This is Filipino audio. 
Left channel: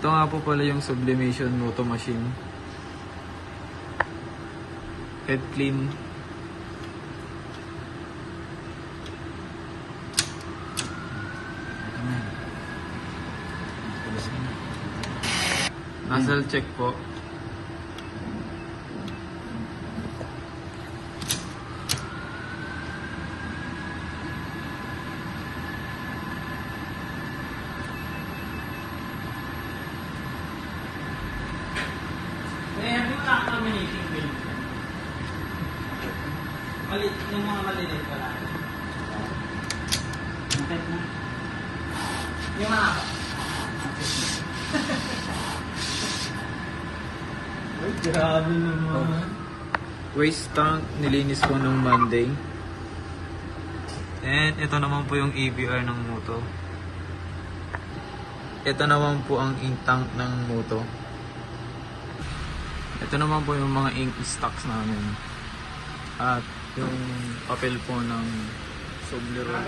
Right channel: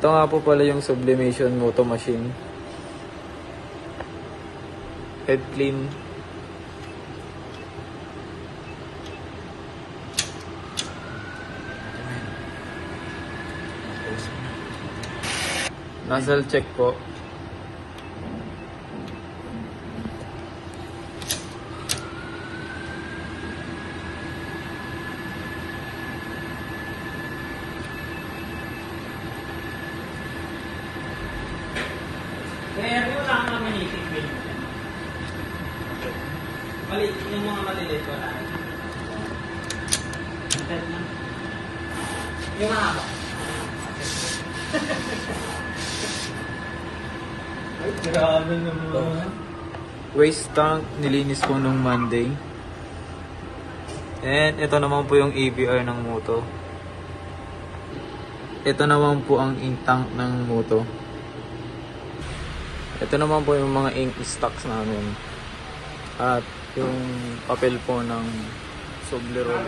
Ito nga po pala yung sublimation moto machine. Head clean. Nozzle check po. Kaya wala ka naman itigil. Balik ng mga maliliit wala. Yung ako. Ay, grabe naman. Waste tank, nilinis ko nung Monday. And ito naman po yung ABR ng moto. Ito naman po ang ink tank ng moto. Ito naman po yung mga ink stocks namin. At yung papel po ng Subli roll.